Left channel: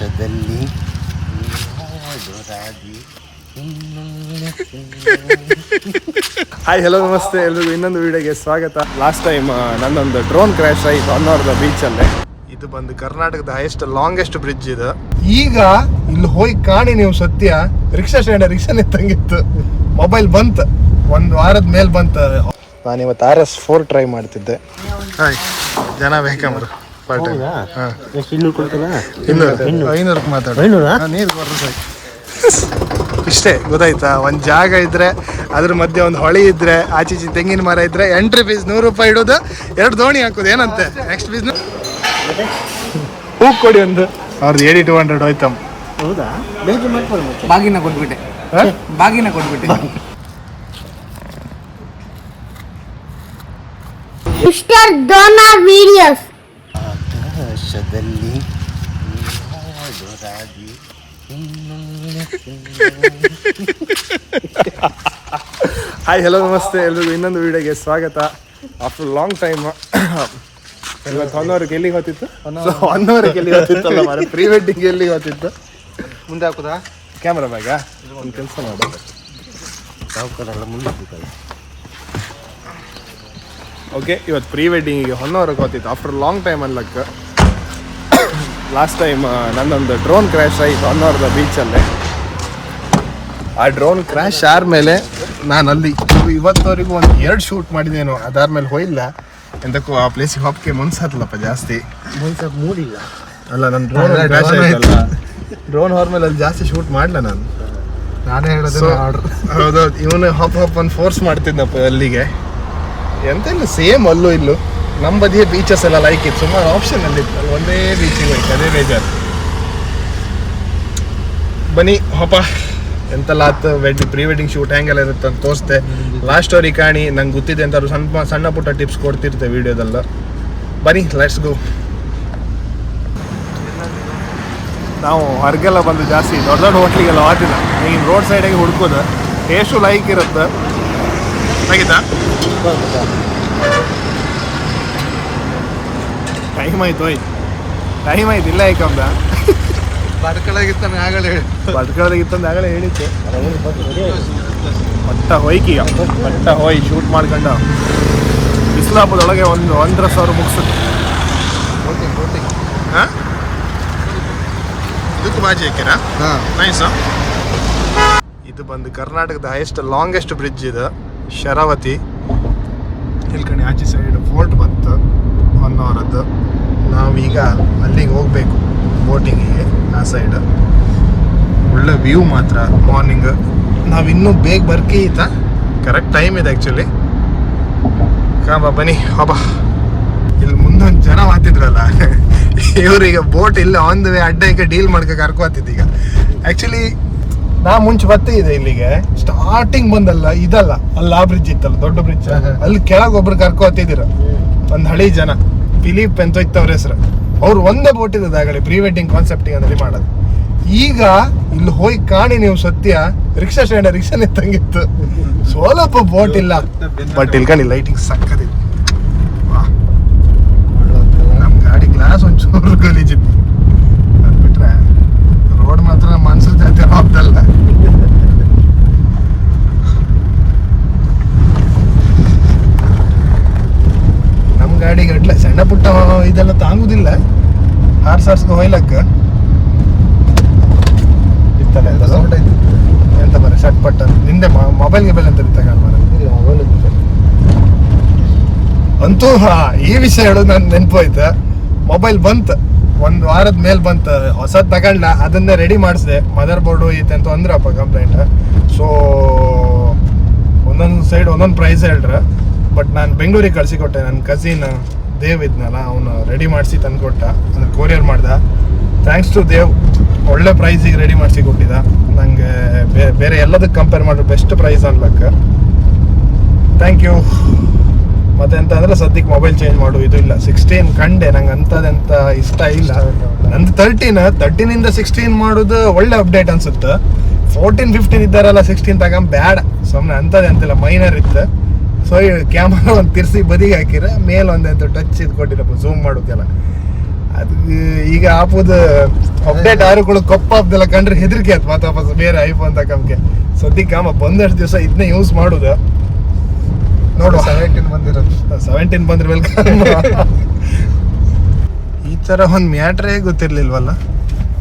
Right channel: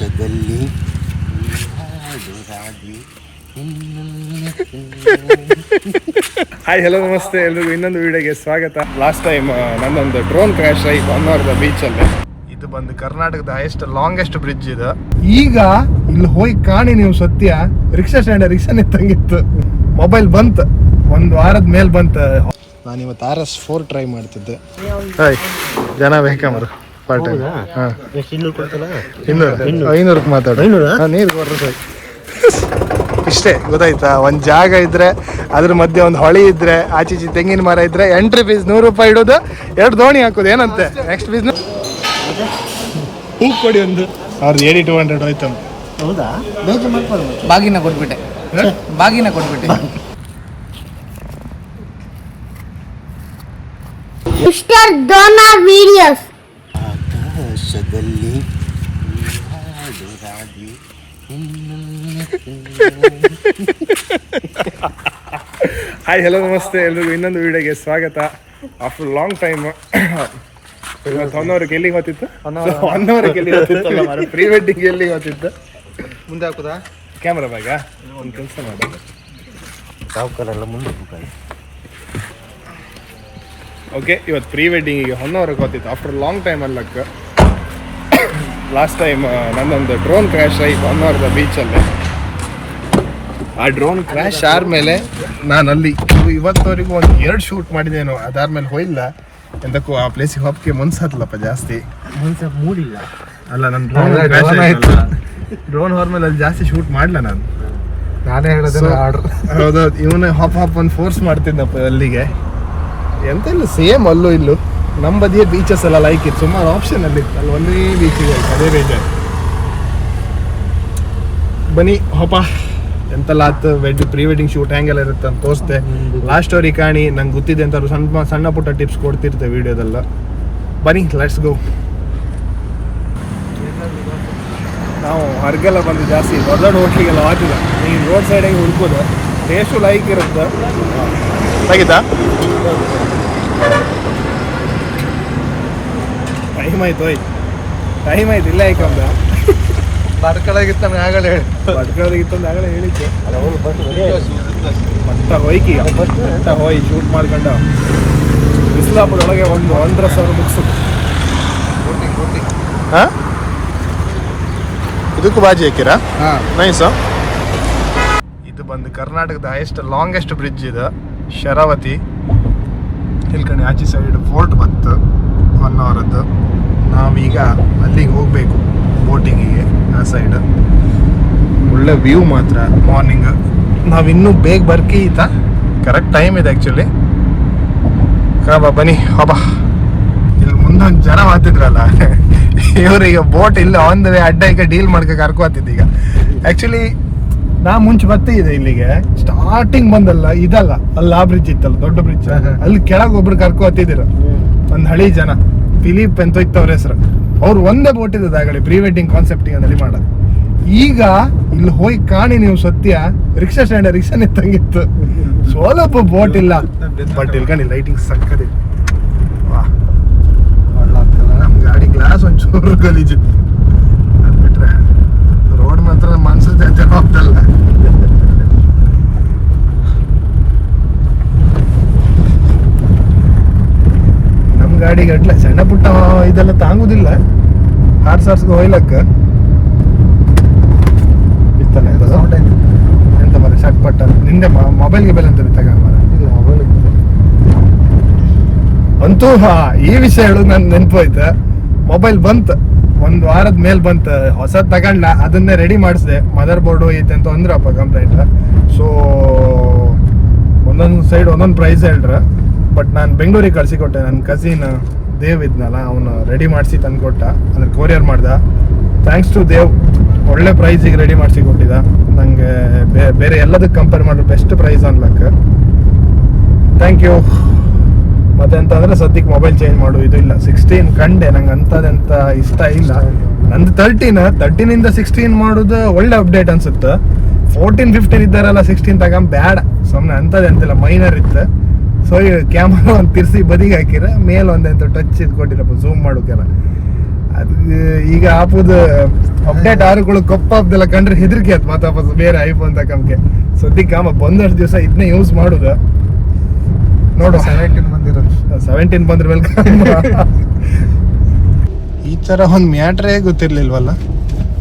ಆಕಾಶದಲ್ಲಿ hi hello ನಮಸ್ತೆ ಎಲ್ರಿಗೂ ಇನ್ನೊಂದು ವಿಡಿಯೋಗೆ ಸ್ವಾಗತ. ಲಾಸ್ಟ್ ಟೈಮ್ ನನ್ನೊಂದು ಡ್ರೋನ್ ಕ್ರ್ಯಾಶ್ ಆಯಿತು ಹೊನ್ನಾವರದ ಬೀಚಲ್ಲೇ. ಇದು ಬಂದು ಕರ್ನಾಟಕದ ಹೈಯೆಸ್ಟ್ ಲಾಂಗೆಸ್ಟ್ ಬ್ರಿಡ್ಜ್ ಇದು. ಈಗ ಇಲ್ಲಿ ಹೋಗಿ ಕಾಣಿ ನೀವು ಸತ್ಯ, ರಿಕ್ಷಾ ಸ್ಟ್ಯಾಂಡ್ ರಿಕ್ಷಾ ನಿಂತಂಗಿತ್ತು. ಮೊಬೈಲ್ ಬಂತು, ಒಂದು ವಾರದ ಮೇಲೆ ಬಂತು. ನಾನು ಇವತ್ತು RS4 ಟ್ರೈ ಮಾಡ್ತಿದ್ದೆ. ಹಾಯ್ ಜನ ಬೇಕಂಬ್ರು ಪಾರ್ಟ್ ಟೈಮ್. ಹಾಂ 500 ಮಾತಾಡು. ನೀರು ಕೊಡ್ರಿ ಸೈ. ಇಷ್ಟೇ ಗೊತ್ತಾಯ್ತಾ. ಒಂದು ಜಾಗ ಇದ್ರೆ ಅದ್ರ ಮಧ್ಯೆ ಒಂದು ಹೊಳಿ ಇದ್ರೆ ಆಚೀಚಿ ತೆಂಗಿನ ಮರ ಇದ್ರೆ ಎಂಟ್ರಿ ಫೀಸ್ 100 ರೂಪಾಯಿ ಇಡೋದು, 2 ದೋಣಿ ಹಾಕೋದು. ಏನಂತೆ ನೆಕ್ಸ್ಟ್ ಬಿಸ್ನೆಸ್ ಹೂವು ಕೊಡಿ ಒಂದು. ಅವ್ರದ್ದು 8200 ಹೋಯ್ತಮ್ಮ. ಹೌದಾ? ಬಾಗಿನ ಕೊಟ್ಬಿಟ್ಟೆ. Mister Dona videos. ಆಕಾಶದಲ್ಲಿ ಹಾಯ್ ಹಲೋ ನಮಸ್ತೆ ಎಲ್ರಿಗೂ ಇನ್ನೊಂದು ವಿಡಿಯೋಗೆ ಸ್ವಾಗತ. ಆಫ್ಟರ್ ಲಾಂಗ್ ಟೈಮ್ ಇವತ್ತು ಹೊನ್ನವರಿಗೆ ಎಲ್ಲಿಗೆ ಹೋಗ್ತಿತ್ತು? ಹೊನ್ನವರಿಗೆ ಎಲ್ಲಿಗೆ ಹೋಗ್ತಿತ್ತಲ್ಲ ಮರ, ಪ್ರೀ ವೆಡ್ಡಿಂಗ್ ಎಲ್ಲಿಗೆ ಹೋಗ್ತಿತ್ತು? ಮುಂದೆ ಹಾಕುದಾ ಕ್ಯಾಮ್ರಾ ಬ್ಯಾಗ? ಒಂದು ಕೆಲಸ ಮಾಡು. ಓಕೆ, ಇವತ್ತು ಪ್ರೀ ವೆಡ್ಡಿಂಗಿಗೆ ಹೊನ್ನವರಿಗೆ ಹೋಗ್ತಿತ್ತು ಆಫ್ಟರ್ ಲಾಂಗ್ ಟೈಮ್ ಅನ್ಲಕ್ಕ. ಲಾಸ್ಟ್ ಟೈಮ್ ನನ್ನೊಂದು ಡ್ರೋನ್ ಕ್ರ್ಯಾಶ್ ಆಯಿತು ಹೊನ್ನಾವರದ ಬೀಚಲ್ಲೇ. ಆ ಡ್ರೋನ್ ಕ್ರ್ಯಾಶ್ ಆದಮೇಲೆ ನಾನು ಅಲ್ಲಿ ಇವತ್ತವರೆಗೂ ಒಂದು 2 ಶೂಟ್ ಮಾಡಿದ್ದೇನು. ಅದಾದ್ಮೇಲೆ ಹೋಯಿಲ್ಲ ಎಂದಕ್ಕೂ ಆ ಪ್ಲೇಸಿಗೆ ಹೋಗಕ್ಕೆ ಮನ್ಸಾತಲ್ಲಪ್ಪ ಜಾಸ್ತಿ. ಮೂಡಿಲ್ಲ ಅಲ್ಲ, ನನ್ನ ಡ್ರೋನ್ ಕ್ರ್ಯಾಶ್ ಆಯ್ತಲ್ಲ, ಡ್ರೋನ್ ಹೋದ್ಮೇಲೆ ಅಲ್ಲಿ ಜಾಸ್ತಿ ಶೂಟ್ ಮಾಡಲ ನಾನು. ನಾನೇ ಹೇಳೋದು ಹೌದೌದು. ಇವನು ಹಾಪ್ ಒಂದು ಫೋರ್ಸ್ ಮಾಡ್ತಿದ್ದಪ್ಪ ಅಲ್ಲಿಗೆ. ಎಂತೆಲ್ಲ ಸೇಮ್ ಅಲ್ಲೂ ಇಲ್ಲೂ ನಮ್ಮ ಬದಿಯೇ ಬೀಚಸ್ ಎಲ್ಲ ಲೈಕ್ ಇತ್ತು. ಸುಮಾರು ಆಪ್ಷನ್ ಅಲ್ಲಿ ಇತ್ತು, ಅಲ್ಲಿ ಒಂದೇ ಬೀಚಿಗೆ ಹೋಯ್ತು, ಅದೇ ಬೇಜಾರು. ಬನ್ನಿ ಹೋಪ ಎಂತೆಲ್ಲ ಆಯ್ತು. ಪ್ರೀ ವೆಡ್ಡಿಂಗ್ ಶೂಟ್ ಹೆಂಗೆಲ್ಲ ಇರುತ್ತೆ ಅಂತ ತೋರಿಸ್ದೆ. ಲಾಸ್ಟ್ ಸ್ಟೋರಿ ಕಾಣಿ. ನಂಗೆ ಗೊತ್ತಿದೆ ಅಂತ ಸಣ್ಣ ಪುಟ್ಟ ಟಿಪ್ಸ್ ಕೊಡ್ತಿರ್ತೆ ವಿಡಿಯೋದೆಲ್ಲ. ಬನ್ನಿ ಲೆಟ್ಸ್ ಗೋ. ನಾವು ಹೊರಗೆಲ್ಲ ಬಂದು ಜಾಸ್ತಿ ದೊಡ್ಡ ದೊಡ್ಡ ಹೋಟ್ಲಿಗೆಲ್ಲ ಹೋಗ್ತಿದ್ದ. ಈಗ ರೋಡ್ ಸೈಡಾಗಿ ಹುಡ್ಕೋದು ಟೇಸ್ಟು ಲೈಕ್ ಇರುತ್ತೆ. ಆಗಿತ್ತಾ? ಟೈಮ್ ಆಯ್ತು ಇಲ್ಲ ಯಾಕಂದ ಬಡ್ಕಳಾಗಿತ್ತ ಆಗಲೇ ಹೇಳಿ, ಬಡ್ಕಳದಾಗಿತ್ತಂದು ಆಗಲೇ ಹೇಳಿಕ್ಕೆ. ಪಟ್ಟ ಹೋಯ್ಕೀಗ ಪಟ್ಟ ಹೋಯ್ ಶೂಟ್ ಮಾಡ್ಕೊಂಡು ಬಿಸಿಲಾಪದೊಳಗೆ ಒಂದು 1,000 ಮುಗಿಸುತ್ತೆ. ಹಾಂ, ಇದಕ್ಕೂ ಬಾಜಿ ಹಾಕಿರಾ? ನೈಸು. ಇದು ಬಂದು ಕರ್ನಾಟಕದ ಹೈಯೆಸ್ಟ್ ಲಾಂಗೆಸ್ಟ್ ಬ್ರಿಡ್ಜ್ ಇದು, ಶರಾವತಿ. ಇಲ್ಕಣಿ ಆಚೆ ಸೈಡ್ ಫೋರ್ಟ್ ಬಂತು ಹೊನ್ನಾವರದ್ದು. ನಾವೀಗ ಅಲ್ಲಿಗೆ ಹೋಗಬೇಕು ಬೋಟಿಂಗಿಗೆ. ಆ ಸೈಡ್ ಒಳ್ಳೆ ವ್ಯೂ ಮಾತ್ರ ಮಾರ್ನಿಂಗ್. ನಾವಿನ್ನೂ ಬೇಗ ಬರ್ಕೀತ, ಕರೆಕ್ಟ್ ಟೈಮ್ ಇದೆ ಆ್ಯಕ್ಚುಲಿ. ಬನ್ನಿ ಹಬ್ಬ. ಇಲ್ಲಿ ಮುಂದೊಂದು ಜನ ಮಾತಿದ್ರಲ್ಲ, ಇವ್ರೀಗ ಬೋಟ್ ಇಲ್ಲ ಆನ್ ದ ವೇ ಅಡ್ಡ ಈಗ ಡೀಲ್ ಮಾಡ್ಕೊ ಕರ್ಕೋತಿದ್ದು. ಈಗ ಆ್ಯಕ್ಚುಲಿ ನಾ ಮುಂಚೆ ಬರ್ತಿದ್ದೆ ಇಲ್ಲಿಗೆ. ಸ್ಟಾರ್ಟಿಂಗ್ ಬಂದಲ್ಲ ಇದಲ್ಲ, ಅಲ್ಲಿ ಆ ಬ್ರಿಡ್ಜ್ ಇತ್ತಲ್ಲ, ದೊಡ್ಡ ಬ್ರಿಡ್ಜ್, ಅಲ್ಲಿ ಕೆಳಗೆ ಒಬ್ರು ಕರ್ಕೋತಿದ್ರು ಒಂದು ಹಳಿ ಜನ. ಫಿಲಿಪ್ ಅಂತ ಹೋಯ್ತು ಅವ್ರ ಹೆಸರು. ಅವ್ರು ಒಂದೇ ಬೋಟ್ ಇದ್ದದ ಆಗಲಿ ಪ್ರೀ ವೆಡ್ಡಿಂಗ್ ಕಾನ್ಸೆಪ್ಟಿಂಗ್ ಅದಲ್ಲಿ ಮಾಡೋದು. ಈಗ ಇಲ್ಲಿ ಹೋಗಿ ಕಾಣಿ ನೀವು ಸತ್ಯ, ರಿಕ್ಷಾ ಸ್ಟ್ಯಾಂಡ್ ರಿಕ್ಷಾ ನಿಂತಂಗಿತ್ತು. ಸ್ವಲ್ಪ ಬೋಟ್ ಇಲ್ಲ, ಬಟ್ ಇಲ್ಕಣಿ ಲೈಟಿಂಗ್ ಸಕ್ಕದಿತ್ತು. ವಾ, ನಮ್ಮ ಗಾಡಿ ಗ್ಲಾಸ್ ಒಂಚೂರು ಗಲೀಜಿತ್ತು. ಅದು ಬಿಟ್ರೆ ರೋಡ್ ಮಾತ್ರ ನಮ್ಮ ಮನ್ಸು ಜಾತಿ ಹೋಗ್ತಲ್ಲ. ನಮ್ಮ ಗಾಡಿಗೆ ಅಡ್ಲ ಸಣ್ಣ ಪುಟ್ಟ ಇದೆಲ್ಲ ತಾಂಗುದಿಲ್ಲ. ಆರ್ಸಾರ್ಸ್ಗೆ ಹೋಯ್ಲಕ್ಕ ಇತ್ತಲ್ಲ ಎಂತ ಬರ ಶಟ್ಪಟ್ಟ. ನಿಂದೆ ಮೊಬೈಲ್ಗೆ ಬೆಲೆ ಅಂತ ತಗೊಂಡು ಅಂತೂ. ಈ ವಿಷಯ ಹೇಳೋದು ನನ್ ನೆನಪೋಯ್ತು. ಮೊಬೈಲ್ ಬಂತು, 1 ವಾರದ ಮೇಲೆ ಬಂತು. ಹೊಸದ್ ತಗೊಂಡ್ಲ, ಅದನ್ನೇ ರೆಡಿ ಮಾಡಿಸಿದೆ. ಮದರ್ ಬೋರ್ಡು ಐತೆ ಅಂತ ಅಂದ್ರಪ್ಪ ಕಂಪ್ಲೇಂಟ್. ಸೊ ಒಂದೊಂದು ಸೈಡ್ ಒಂದೊಂದು ಪ್ರೈಸ್ ಹೇಳ್ರ. ಬಟ್ ನಾನು ಬೆಂಗಳೂರಿಗೆ ಕಳ್ಸಿಕೊಟ್ಟೆ. ನನ್ನ ಕಸಿನ್ ದೇವ್ ಇದ್ನಲ್ಲ, ಅವನು ರೆಡಿ ಮಾಡಿಸಿ ತಂದುಕೊಟ್ಟ. ಅಂದ್ರೆ ಕೊರಿಯರ್ ಮಾಡ್ದ. ಥ್ಯಾಂಕ್ಸ್ ಟು ದೇವ್, ಒಳ್ಳೆ ಪ್ರೈಸಿಗೆ ರೆಡಿ ಮಾಡಿಸಿ ಕೊಟ್ಟಿದ್ದ ನನಗೆ. ಬೇರೆ ಎಲ್ಲದಕ್ಕೆ ಕಂಪೇರ್ ಮಾಡಿದ್ರೆ ಬೆಸ್ಟ್ ಪ್ರೈಸ್ ಅನ್ಲಕ್ಕ. Thank you. ಮತ್ತೆ ಎಂತ ಅಂದ್ರೆ ಸದ್ಯಕ್ಕೆ ಮೊಬೈಲ್ ಚೇಂಜ್ ಮಾಡು ಇದು ಇಲ್ಲ. 16 ಕಂಡೆ, ನಂಗೆ ಅಂಥದ್ದೆಂತ ಇಷ್ಟ ಇಲ್ಲ. ನಂದು 13ಇಂದ 16 ಮಾಡೋದು ಒಳ್ಳೆ ಅಪ್ಡೇಟ್ ಅನ್ಸುತ್ತೆ. 14, 15 ಇದ್ದಾರಲ್ಲ 16 ತಗೊಂಡ್ ಬೇಡ ಸುಮ್ಮನೆ. ಅಂಥದ್ದೆಂತಿಲ್ಲ, ಮೈನರ್ ಇತ್ತು. ಸೊ ಈ ಕ್ಯಾಮ್ರಾ ಒಂದು ತಿರ್ಸಿ ಬದಿಗೆ ಹಾಕಿರ, ಮೇಲೆ ಒಂದೆಂತ ಟಚ್ ಇದು ಕೊಟ್ಟಿರಪ್ಪ ಝೂಮ್ ಮಾಡೋಕೆಲ್ಲ. ಅದು ಈಗ ಹಾಕೋದು ಅಪ್ಡೇಟ್ ಆರುಗಳು ಕೊಪ್ಪಾಬ್ದೆಲ್ಲ ಕಂಡ್ರೆ ಹೆದರಿಕೆ ಆಯ್ತು ಮತ್ತೆ ವಾಪಸ್ ಬೇರೆ ಐಫೋನ್ ತಕೊಂಬಕ್ಕೆ. ಸದ್ಯಕ್ಕೆ ಬಂದಷ್ಟು ದಿವಸ ಇದನ್ನೇ ಯೂಸ್ ಮಾಡುದ. ನೋಡುವ 17 ಬಂದ್ರೆ ವೆಲ್ಕಮ್. ಈ ತರ ಒಂದ್ ಮ್ಯಾಟ್ರೇ ಗೊತ್ತಿರ್ಲಿಲ್ವಲ್ಲ.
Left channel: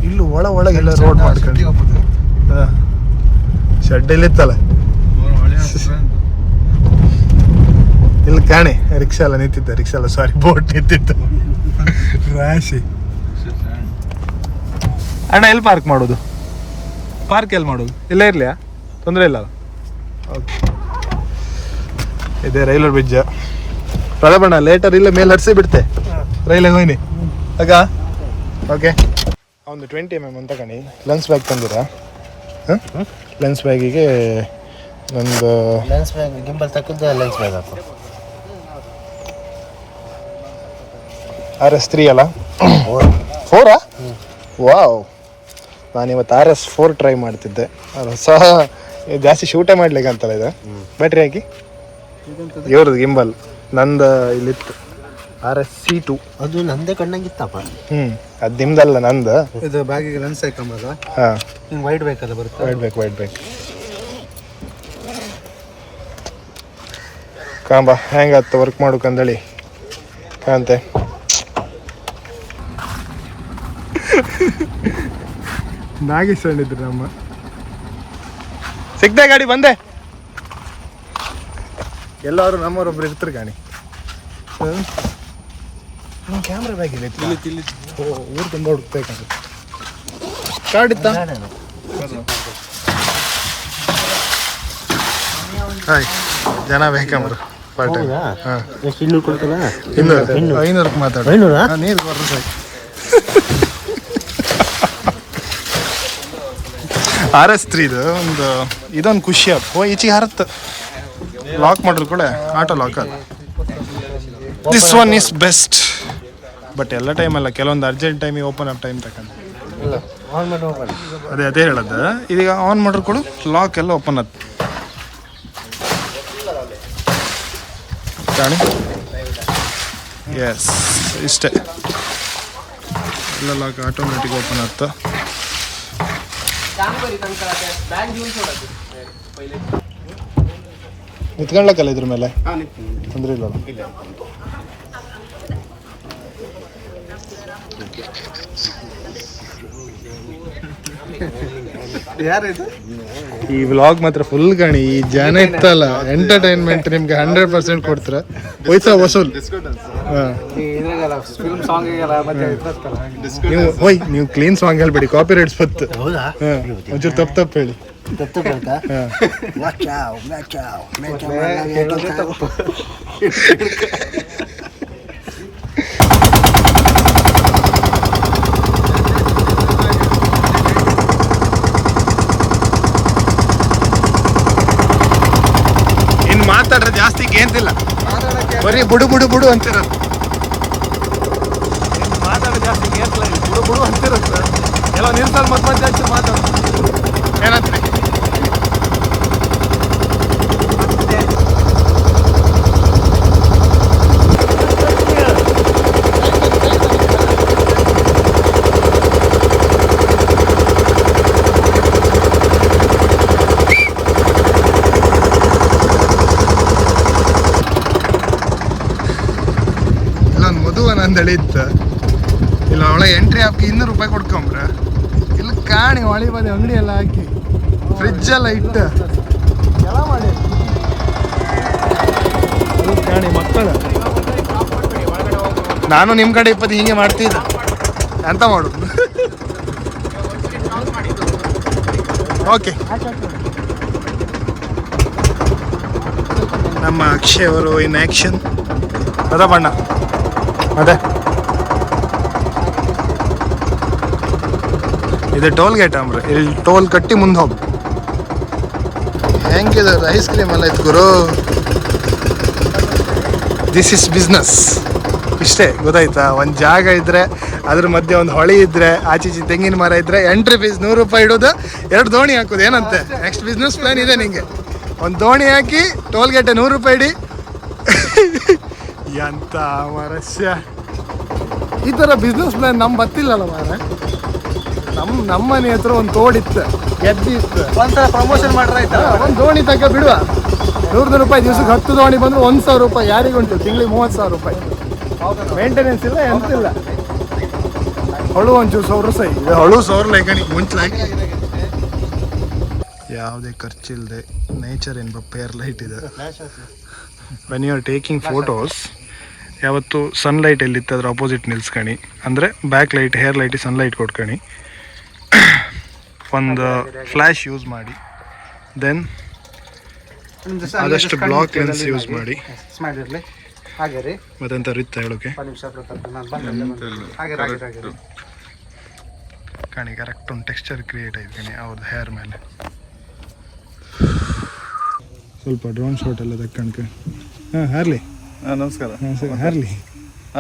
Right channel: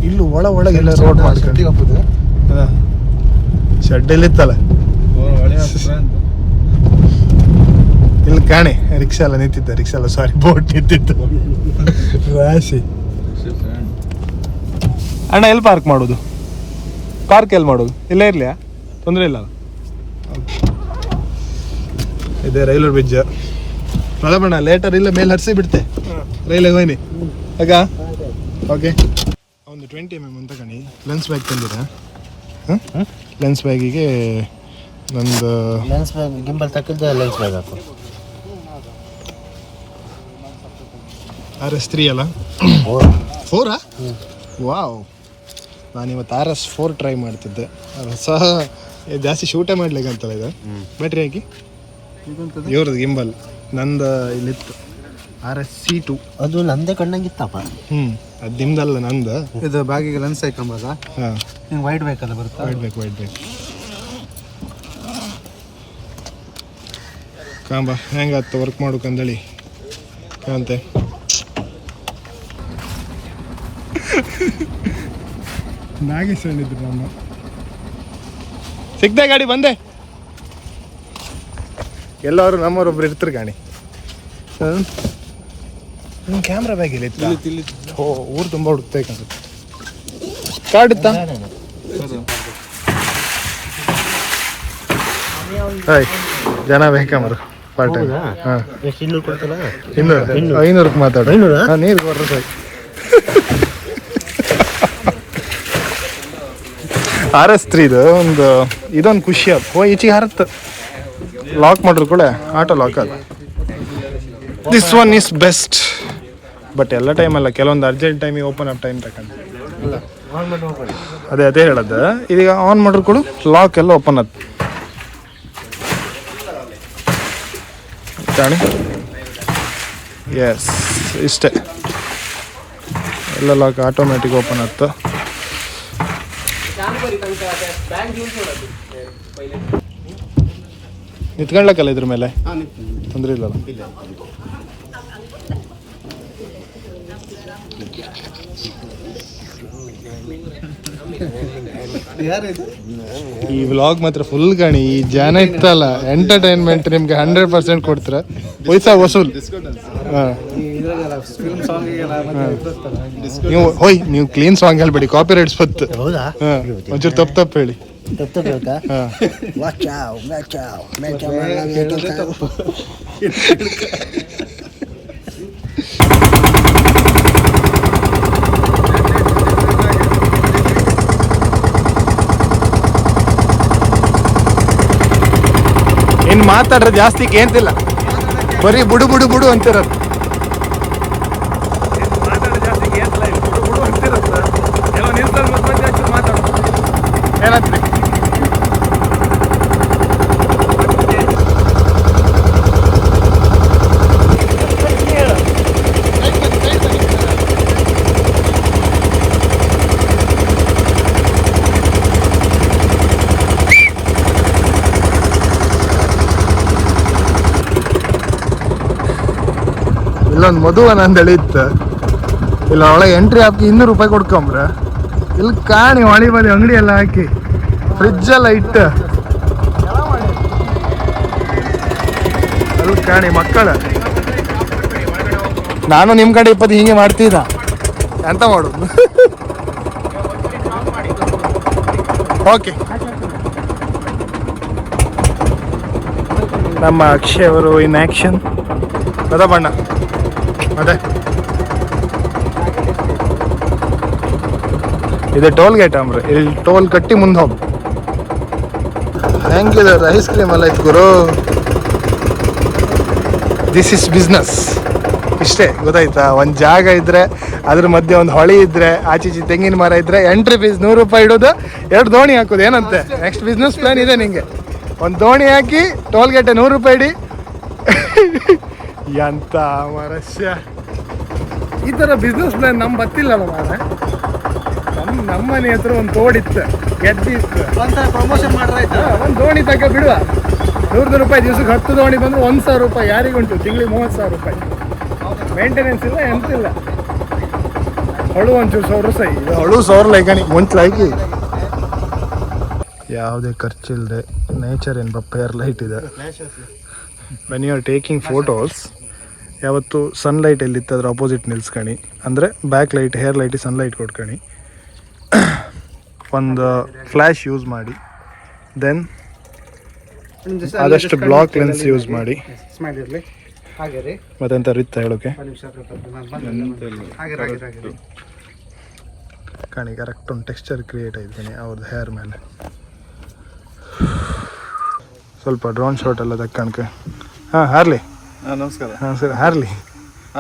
ಇಲ್ಲಿ ಒಳಗೆಲ್ಲ ರೋಡ್ ಮಾಡ್ಕೊಂಡು ಶೆಡ್ ಇತ್ತಲ್ಲ ಇಲ್ಲಿ ಕಾಣಿ ರಿಕ್ಷಾ ಎಲ್ಲ ನಿಂತಿದ್ದ. ರಿಕ್ಷಾ ಎಲ್ಲ ಸಾರಿ ಬೋಟ್ ನಿಂತಿತ್ತು ರಾಶಿ. ಅಣ್ಣ ಎಲ್ಲಿ ಪಾರ್ಕ್ ಮಾಡೋದು? ಪಾರ್ಕ್ ಎಲ್ಲಿ ಮಾಡೋದು? ಇಲ್ಲೇ ಇರ್ಲಿಯಾ? ತೊಂದರೆ ಇಲ್ಲ. ಓಕೆ, ಇದೆ ರೈಲ್ವೆ ಬ್ರಿಡ್ಜ್. ಪ್ರಲಬಣ್ಣ ಲೇಟರ್ ಇಲ್ಲ ಮೇಲೆ ಹರಿಸಿ ಬಿಡ್ತೆ ರೈಲಿಗೆ ಹೋಯ್ನಿ ಆಗ. ಓಕೆ, ಒಂದು 20mm ಅಂತ ಕಣಿ ಲೆನ್ಸ್ ಬ್ಯಾಗ್ ತಂದಿರಾ? ಲೆನ್ಸ್ ಬ್ಯಾಗಿಗೆ ನಂದು ಲೆನ್ಸ್ ಬ್ಯಾಗ್ ಗಿಂಬಲ್ ತಕ್ಕದ ಲೆನ್ಸ್ ಬ್ಯಾಗ್ ಅಪ್ಪ. RS3 ಅಲ್ಲ? 4? ವಾವ್, ನಾನಿವತ್ತು RS4 ಟ್ರೈ ಮಾಡ್ತಿದ್ದೆ. ಅದು ಸಹ ಜಾಸ್ತಿ ಶೂಟೇ ಮಾಡ್ಲಿಕ್ಕೆ ಅಂತಲ್ಲ ಇದು. ಬ್ಯಾಟ್ರಿ ಹಾಕಿ ಇವ್ರದ್ದು ಗಿಂಬಲ್ ನಂದು ಇಲ್ಲಿತ್ತು RS-C2. ಅದು ನಂದೇ ಕಣ್ಣಂಗಿತ್ತಪ್ಪ. ಅದು ನಿಮ್ದಲ್ಲ ನಂದು. ಇದು ಬ್ಯಾಗಿಗೆ ಲೆನ್ಸ್ ಹಾಕೊಂಬಾಗ ಹಾಂ, ನಿಮ್ಗೆ ವೈಡ್ ಬೇಕಲ್ಲ ಬರುತ್ತೆ. ವೈಡ್ ಬೇಕು ಕಾಂಬ ಹೆಂಗತ್ತು ವರ್ಕ್ ಮಾಡೋಕಂದೇಳಿ ಕಾಂತೆ. ನಾಗೇಶ್ ಹೇಳಿದ್ರು ನಮ್ಮ ಸಿಗ್ದೆ ಗಾಡಿ ಬಂದೆ. ಎಲ್ಲವರು ನಮ್ಮವರೊಬ್ರು ಇರ್ತಾರೆ ಗಾಡಿ. ಕ್ಯಾಮ್ರಾ ಬ್ಯಾಗ್ ಇಲ್ಲಿ ಊರು ತುಂಬ ಹುಡುಕ್ಬೇಕಂತ. ಕಾರ್ಡ್ ಇತ್ತ? ಹಾಯ್, ಜನ ಬೇಕಂಬ್ರು ಪಾರ್ಟ್ ಟೈಮ್. ಹಾಂ, 500ಕ್ಕೆ ಮಾತಾಡು. ನೀರು ಕೊಡ್ರಿ ಸಾಯಿ. RS3 ಇದೊಂದು ಖುಷಿ ಅಪ್ಪ. ಈಚೆಗೆ ಹರತ್ತು ಲಾಕ್ ಮಾಡ್ರು ಕೂಡ ಆಟೋ ಲಾಕ್ ಅದು. This one is best. But ಎಲ್ಲ ಟೈಮ್ ಅಲ್ಲ, ಕೆಲವೊಂದು ಅರ್ಜೆಂಟ್ ಟೈಮಿಗೆ ಓಪನ್ ಅಪ್ ಟೈಮ್ ತಗೊಂಡು ಅದೇ ಹೇಳೋದು. ಇದೀಗ ಆನ್ ಮಾಡ್ರು ಕೂಡ ಲಾಕ್ ಎಲ್ಲ ಓಪನ್ ಆಯ್ತು ಕಾಣಿ. ಎಸ್, ಇಷ್ಟೇ ಎಲ್ಲ ಲಾಕ್ ಆಟೋಮ್ಯಾಟಿಕ್ ಓಪನ್ ಆಯ್ತು. ನಿಂತ್ಕೊಳ್ಳಕ್ಕಲ್ಲ ಇದ್ರ ಮೇಲೆ ತೊಂದರೆ ಇಲ್ಲಲ್ಲ. ಈ ವ್ಲಾಗ್ ಮಾತ್ರ ಫುಲ್ ಕಾಣಿ. ಈ ಜನ ಇತ್ತಲ್ಲ ಎಂಟರ್ಟೈನ್ಮೆಂಟ್ ನಿಮ್ಗೆ 100% ಕೊಡ್ತಾರ. ಪೈಸಾ ವಸೂಲ್. ನೀವು ಕ್ಲೀನ್ ಸಾಂಗ್ ಹೇಳ್ಬೇಡಿ, ಕಾಪಿ ರೈಟ್ಸ್ ಬತ್ತು. ಒಂಚೂರು ತಪ್ಪು ಹೇಳಿ. ಇನ್ ಮಾತಾಡ್ರೆ ಜಾಸ್ತಿ ಕೇಂತಿಲ್ಲ, ಬರೀ ಬುಡು ಅಂತಿರೋದು. ಮಾತಾಡೋ ಜಾಸ್ತಿ ಕೇಂತಿಲ್ಲ, ಬುಡು ಅಂತಿರೋದು. ಕೆಲವು ನಿಲ್ಸಲ್ಲಿ ಮಧ್ಯ ಮಾತಾಡೋದು. ಏನಂತೀರಿ? ಇಲ್ಲೊಂದು ಮಧುವನ ಅಂದೇಳಿ ಇತ್ತು. ಇಲ್ಲ ಒಳಗೆ ಎಂಟ್ರಿ ಹಾಕಿ 200 ರೂಪಾಯಿ ಕೊಡ್ಕೊಂಬ್ರ. ಇಲ್ಲಿ ಕಾಣಿ ಹೊಳಿ ಬದಿ ಅಂಗಡಿ ಎಲ್ಲ ಹಾಕಿ ಫ್ರಿಜ್ ಎಲ್ಲ ಇಟ್ಟು ಅಲ್ಲಿ ಕಾಣಿ ಮಕ್ಕಳು. ನಾನು ನಿಮ್ಮ ಕಡೆ 20 ಹಿಂಗೆ ಮಾಡ್ತಿದ್ದ ಎಂತ ಮಾಡೋದು. ಓಕೆ, ನಮ್ಮ ಅಕ್ಷಯ್ ಅವರು ಇನ್ ಆಕ್ಷನ್. ಅದ ಬಣ್ಣ ಅದೇ ಇದು ಟೋಲ್ ಗೇಟ್ ಅಂಬ್ರಿ. ಇಲ್ಲಿ ಟೋಲ್ ಕಟ್ಟಿ ಮುಂದೆ ಹೋಗಿ ಹೆಂಗಿದೆ ಐಸ್ ಕ್ರೀಮ್ ಎಲ್ಲ ಇತ್ತು ಗುರು. This is business. ಇಷ್ಟೇ ಗೊತ್ತಾಯ್ತಾ? ಒಂದು ಜಾಗ ಇದ್ರೆ ಅದ್ರ ಮಧ್ಯೆ ಒಂದು ಹೊಳಿ ಇದ್ರೆ ಆಚೀಚಿ ತೆಂಗಿನ ಮರ ಇದ್ರೆ ಎಂಟ್ರಿ ಫೀಸ್ 100 ರೂಪಾಯಿ ಇಡೋದು, 2 ದೋಣಿ ಹಾಕೋದು. ಏನಂತೆ ನೆಕ್ಸ್ಟ್ ಬಿಸ್ನೆಸ್ ಪ್ಲಾನ್ ಇದೆ ನಿಂಗೆ. ಒಂದು ದೋಣಿ ಹಾಕಿ ಟೋಲ್ ಗೇಟೆ 100 ರೂಪಾಯಿ ಇಡಿ. ಎಂತ ಮರಸ್ಯ, ಈ ಥರ ಬಿಸ್ನೆಸ್ ಪ್ಲಾನ್ ನಮ್ಗೆ ಗೊತ್ತಿಲ್ಲಲ್ಲ ಮಾರ. ನಮ್ಮ ಮನೆ ಹತ್ರ ಒಂದು ತೋಡಿತ್ತು, ಗೆದ್ದಿತ್ತು. ಪ್ರಮೋಷನ್ ಮಾಡ್ರೆ ಒಂದು ದೋಣಿ ತಗ ಬಿಡುವ. 100 ರೂಪಾಯಿ ದಿವ್ಸಕ್ಕೆ 10 ದೋಣಿ ಬಂದ್ರೆ 1,000 ರೂಪಾಯಿ ಯಾರಿಗುಂಟು? ತಿಂಗಳಿಗೆ 30,000 ರೂಪಾಯಿ. ಮೇಂಟೆನೆನ್ಸ್ ಇಲ್ಲ, ಎಂತಿಲ್ಲ. ಹೊಳು ಒಂಚೂರು ಸೌರು ಸೈ ಇದು ಹೊಳು ಸೌರ್ ಲೈಕಣಿ ಮುಂಚೆ ಯಾವುದೇ ಖರ್ಚಿಲ್ಲದೆ ನೇಚರ್ ಎಂಬ ಪೇರ್ ಲೈಟ್ ಇದೆ. When you are taking photos ಯಾವತ್ತು ಸನ್ಲೈಟ್ ಎಲ್ಲಿತ್ತು ಅದ್ರ ಅಪೋಸಿಟ್ ನಿಲ್ಸ್ಕಣಿ, ಅಂದರೆ ಬ್ಯಾಕ್ ಲೈಟ್ ಹೇರ್ ಲೈಟಿಗೆ ಸನ್ಲೈಟ್ ಕೊಟ್ಕಣಿ. ಒಂದು ಫ್ಲ್ಯಾಶ್ ಯೂಸ್ ಮಾಡಿ, ದೆನ್ ಆದಷ್ಟು ಬ್ಲಾಕ್ ಲೆನ್ಸ್ ಯೂಸ್ ಮಾಡಿ. ಮತ್ತೆಂತ ರಿತ್ತ ಹೇಳೋಕೆ ಕಣಿ ಕರೆಕ್ಟ್ ಒಂದು ಟೆಕ್ಸ್ಚರ್ ಕ್ರಿಯೇಟ್ ಆಯ್ತು ಕಣಿ ಅವ್ರದ್ದು ಹೇರ್ ಮೇಲೆ. ಸ್ವಲ್ಪ ಡ್ರೋನ್ ಶಾಟ್ ಎಲ್ಲ ತಕ್ಕಣಕ್ಕೆ. ಹಾಂ ಹಾರ್ಲಿ. ನಮಸ್ಕಾರ. ಹಾಂ ಸರ್ ಹಾರ್ಲಿ.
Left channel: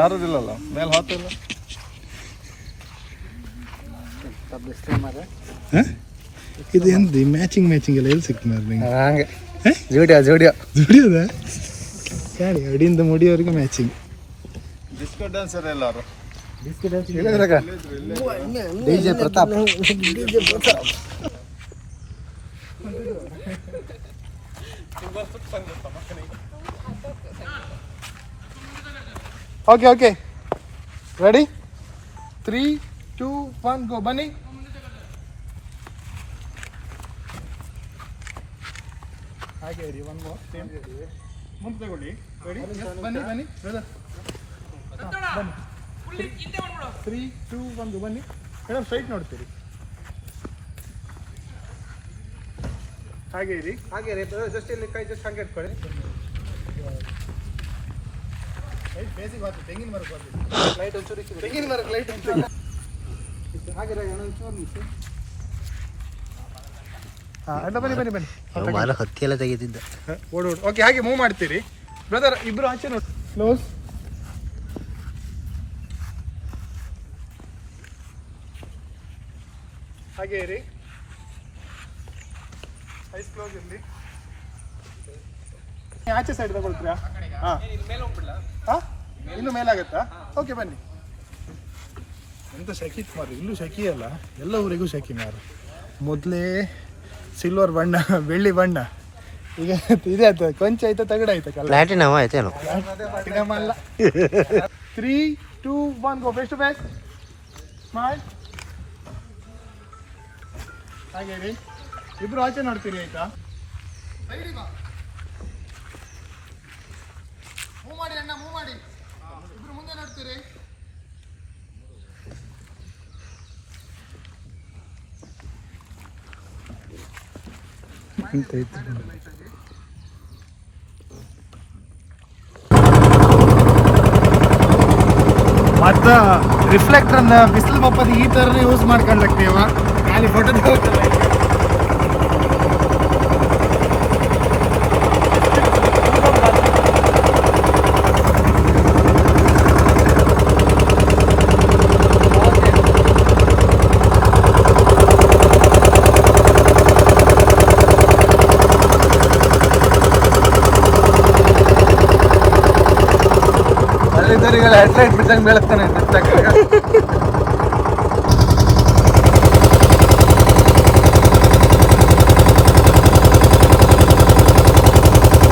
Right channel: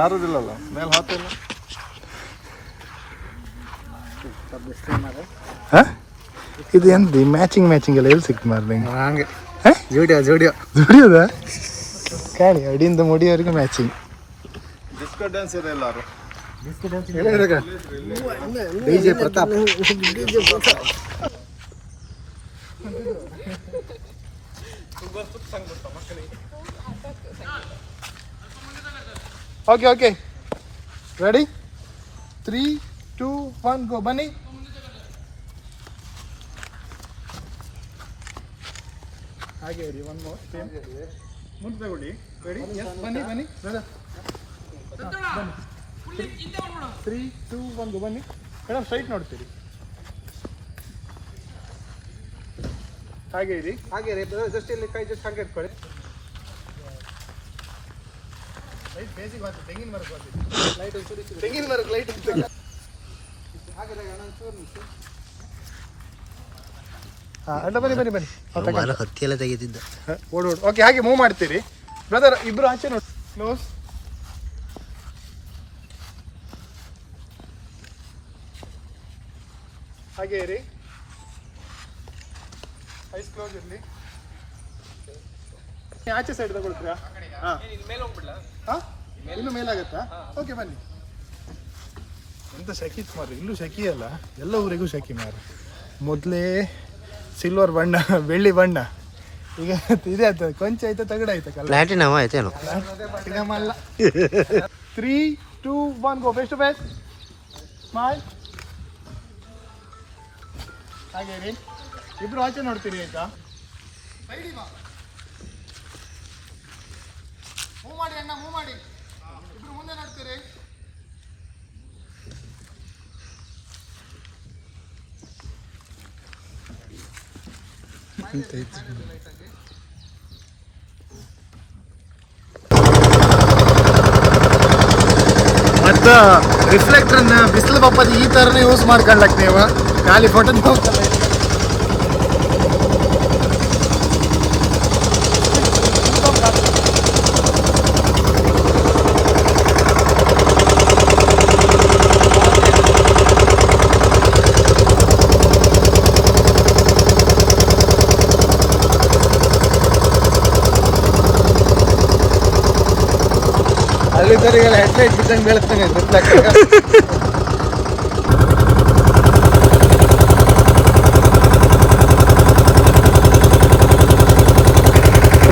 ಆರೋದಿಲ್ಲಲ್ಲ ಮೇಲೆ ಹಾಕಿಲ್ಲ. ಹಾಂ ಇದು ಎಂತ ಮ್ಯಾಚಿಂಗ್ ಎಲ್ಲ ಎಲ್ಲಿ ಸಿಕ್ತು ಮಾರ್ರೆ ನಿಂಗೆ? ಹಂಗೆ ಜೋಡಿಯೋ ದುಡಿಯೋದ ಕಾಣಿ ಅಡಿಯಿಂದ ಮುಡಿಯೋರಿಗೆ ಮ್ಯಾಚಿಂಗ್. ಡಿಸ್ಕೋ ಡ್ಯಾನ್ಸರ್ ಎಲ್ಲಾರು ಡಿಜೆ ಪ್ರತಾಪ್. ಓಕೆ ರೆಡಿ 3, 2, 1 ಗೋ. ಬನ್ನಿ. ಹಾಗೆ ಇರಿ. ಒನ್ ಮೋರ್ ಮುಂದೆ ತಗೊಳ್ಳಿ. ರೆಡಿ? ಬನ್ನಿ ಬ್ರದರ್. ಬನ್ನಿ. 3, 2, 1 ಗೋ. ಬನ್ನಿ ಮೇಡಮ್. ಸೈಟ್ ನೋಡ್ತೀರಿ. ಹಾಗೆ ಇರಿ. ಜಸ್ಟ್ ಇಲ್ಲಿ ಕೈ ಜಸ್ಟ್ ಹಾಗೆ ಇಟ್ಕೊಳ್ಳಿ. ಲೈಟ್ ಬೇಸಿಗೆ ಬರ್ತದೆ. ತೆಂಗಿನ ಮರಕ್ಕೆ ಬರ್ತದೆ ಲೈಟ್. ಒಂಚೂರು ತೆಂಗಿನ ಮರಕ್ಕೆ ಲೈಟ್ ಹಾಗೆ ಬನ್ನಿ. ಮರ ಹತ್ತಿ ಎಲ್ಲ ತೆಗೆದಿದ್ದ. ಓಡು. ಓಕೆ ಹಾಗೆ ಮೂವ್ ಮಾಡ್ತೀರಿ ಬ್ರದರ್. ಇಬ್ರು ಆಚೆ ನೋಡಿ. ಕ್ಲೋಸ್. ಹಾಗೆ ಇರಿ. ಐಸ್ ಕ್ಲೋಸ್ ಇರಲಿ. ಆಚೆ ಸೈಡ್ ತಗೊಳ್ತೀರಾ? ಹಾಂ ಇನ್ನು ಮೇಲಾಗತ್ತಾ? ಓಕೆ ಬನ್ನಿ. ಎಂತ ಶಕಿ ಮಾರು. ಇಲ್ಲೂ ಶಕಿ ಅಲ್ಲ, ಎಲ್ಲ ಊರಿಗೂ ಶಕಿ ಮಾರು. ಮೊದಲೇ ಸಿಲ್ವರ್ ಬಣ್ಣ, ಬೆಳ್ಳಿ ಬಣ್ಣ. ಈಗ ಇದೆ ಆಯ್ತು, ಕೊಂಚ ಆಯ್ತಾ, ತಗಡ ಆಯ್ತಾ? ಪ್ಲಾಟಿನಮ್ ಆಯ್ತೇನು? ಪ್ಲಾಟಿನಮ್ ಅಲ್ಲ. 3, 2, 1 go. Face to face. Smile. ಹಾಗೆ ರೀ. ಇಬ್ರು ಆಚೆ ನೋಡ್ತೀರಿ ಈಗ. ಮೂವ್ ಮಾಡಿ ಅಣ್ಣ, ಮೂವ್ ಮಾಡಿ. ಇಬ್ರು ಮುಂದೆ ನೋಡ್ತೀರಿ. ಮತ್ತು ರಿಫ್ಲೆಕ್ಟರ್ನ ಬಿಸಿಲು ಬಪ್ಪದ ಈ ಥರನೇ ಯೂಸ್ ಮಾಡ್ಕೊಳ್ಳಕ್ ನೀವು. ಖಾಲಿ ಫೋಟೋ ಹೋಗಲ್ಲ. ಅಲ್ಲಿದ್ದರಿಗೆಲ್ಲ ಹೆಡ್ಲೈಟ್ ಬಿಟ್ಟಂಗೆ ಬೀಳ್ತಾನೆ.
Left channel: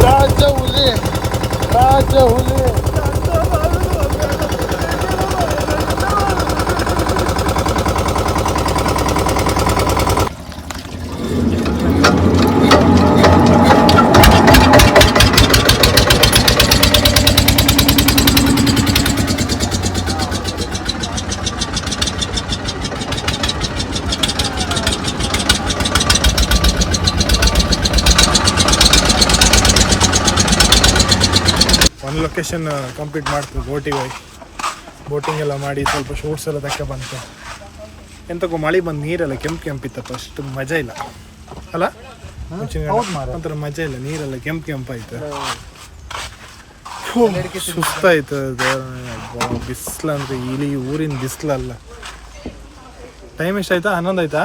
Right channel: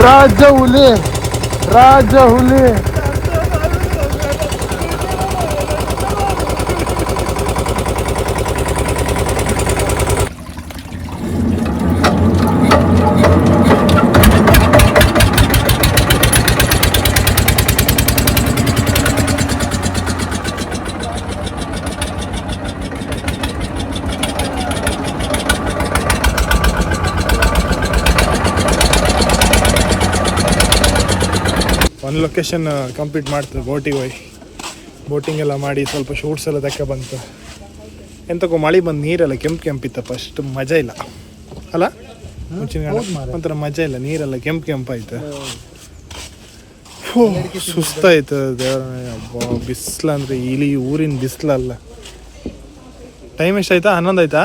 ರಾಜ ಹುಲಿ. ಒಂದು ಲೊಕೇಶನ್ ಕಂಪ್ಲೀಟ್ ಮಾಡ್ತದೆ. ಬೋಟಿಗೆ ಹೋಗಿ ಬೋಟಿಂಗ್ ಎಲ್ಲ ಮಾಡಿ ಸ್ವಲ್ಪ ಶೂಟ್ಸ್ ಎಲ್ಲ ತಕ್ಕ ಬಂತು. ಎಂತಕ್ಕೂ ಮಳೆ ಬಂದು ನೀರೆಲ್ಲ ಕೆಂಪಿತ್ತಪ್ಪ. ಅಷ್ಟು ಮಜಾ ಇಲ್ಲ ಅಲ್ಲ? ಒಂಥರ ಮಜಾ ಇಲ್ಲ. ನೀರೆಲ್ಲ ಕೆಂಪಾಯ್ತು. ಸುಸ್ತಾಯ್ತು. ಬಿಸಿಲು ಅಂದರೆ ಇಲ್ಲಿ ಊರಿನ ಬಿಸಿಲಲ್ಲ. ಟೈಮ್ ಎಷ್ಟಾಯ್ತಾ? 11 ಆಯ್ತಾ?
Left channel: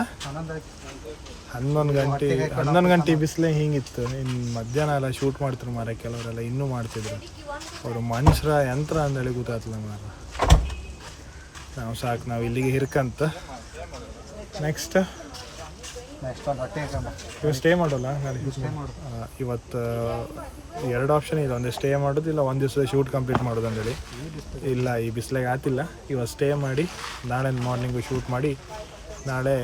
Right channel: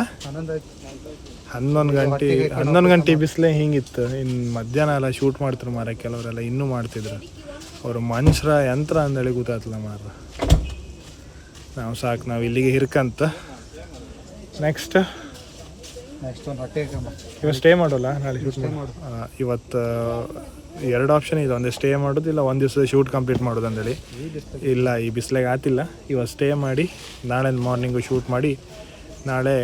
11 ಗಂಟೆ ಬಿಸಿಲೇ ಹಿಂಗಿತ್ತು. ಇನ್ನು ಮಧ್ಯಾಹ್ನ ಎಲ್ಲ ಶೂಟ್ ಮಾಡ್ತಾರೆ ಮಾರ. ಕೆಲವರೆಲ್ಲ ಇನ್ನೂ ಮಾಡ್ತಿದ್ರು. ಅವರು ಮನುಷ್ಯರ ಯಂತ್ರ ಅಂದೇಳಿ ಗೊತ್ತಾಗ್ತಲ್ಲ ಮಾರ. ನಾವು ಸಾಕು, ನಾವು ಇಲ್ಲಿಗೆ ಹಿರ್ಕಂತ ನೆಕ್ಸ್ಟ್ ಇವತ್ತು ಸ್ಟೇ ಮಾಡೋಲ್ಲ ನಾಳೆ ಇವತ್ತು ಎರಡು ಆಪ್ಷನ್ ಇದೆ, ಒಂದೇ ಸ್ಟೇ ಮಾಡೋದು ಇಲ್ಲ ಒಂದು ದಿವಸ ಶೂಟ್ ಕಂಪ್ಲೀಟ್ ಮಾಡೋದು ಅಂತೇಳಿ. ಇಲ್ಲ ಈ ಬಿಸಿಲಾಗ ಆತಿಲ್ಲ, ಇವತ್ತು ಸ್ಟೇ ಮಾಡಿ ನಾಳೆ ಮಾರ್ನಿಂಗು ಶೂಟ್ ಮಾಡಿ ನಾಳೆ